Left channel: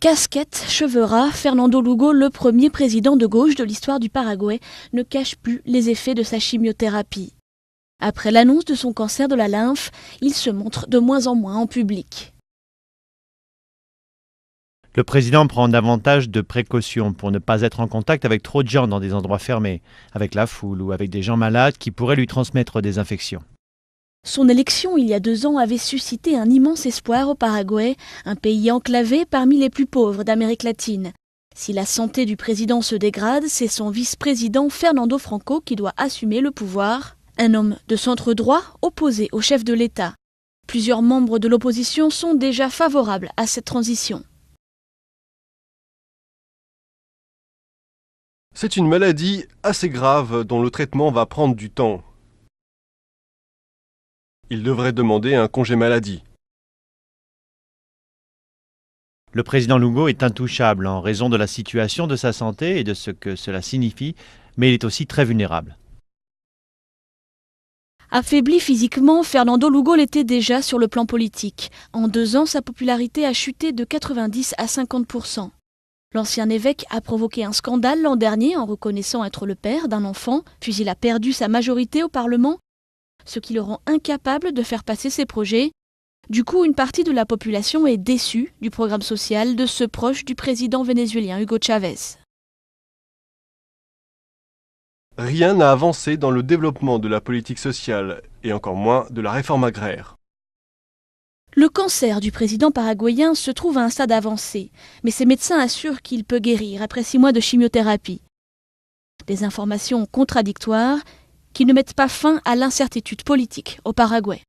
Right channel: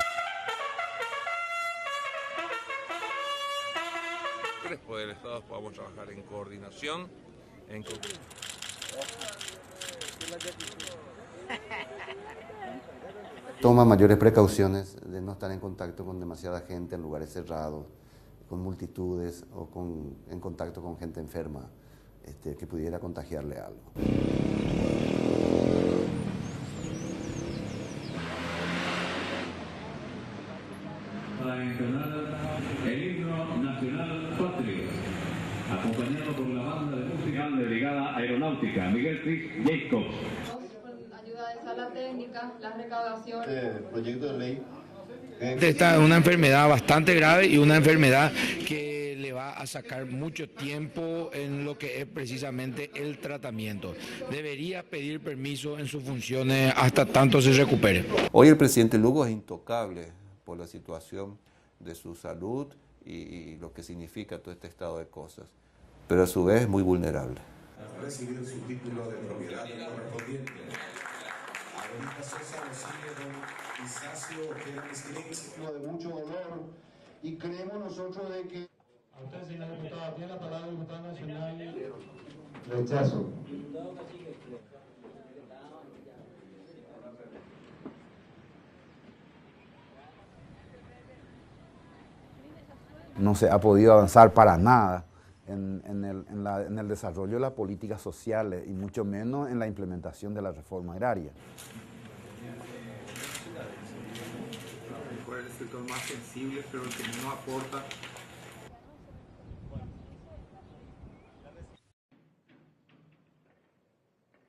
Casquette, cheveux ras, Fernando Lugo, le premier président de gauche de l'histoire du Paraguay, ne cache plus les effets de sa chimiothérapie. Après l'annonce de son cancer de la lymphe, il se montre de moins en moins en public. Le président prend davantage de précautions pour ne pas être en contact avec trop de gens dans des endroits fermés, avec la foule ou avec des gens malades qui pourraient lui transmettre des infections. Son élection il y a 2 ans avait suscité un immense espoir au Paraguay, un pays enclavé parmi les plus pauvres d'Amérique latine. Si la santé du président se dégrade, c'est son vice-président Fernando Franco qui doit assumer le pouvoir, un homme de centre droit opposé au chef de l'État. Plusieurs membres de l'opposition sont déjà favorables à cette transition. C'est une maladie assez grave dont le traitement va prendre du temps. Il devrait demander un congé maladie. Le président Lugo est intouchable en raison de la situation de sa santé et de ce que cela signifie, mais il est aussi très vulnérable. Affaibli physiquement, Fernando Lugo l'était déjà sur le plan politique. En 2 ans, sa popularité a chuté de 90 à 50%. L'ancien évêque a provoqué un scandale l'an dernier en reconnaissant être le père d'un enfant, puis il a perdu sa majorité au Parlement, ce qui le rend incapable de faire passer ses projets. Du coup, une partie de la population est déçue du programme social de ce proche du président vénézuélien Hugo Chavez. Rien n'a avancé dans le développement de la politique sociale et encore moins de la réforme agraire. Le cancer du président paraguayen se trouve à un stade avancé, mais ses médecins assurent qu'il peut guérir après 6 mois de chimiothérapie. Des informations contradictoires qui ne mettent pas fin à l'incertitude politique au Paraguay.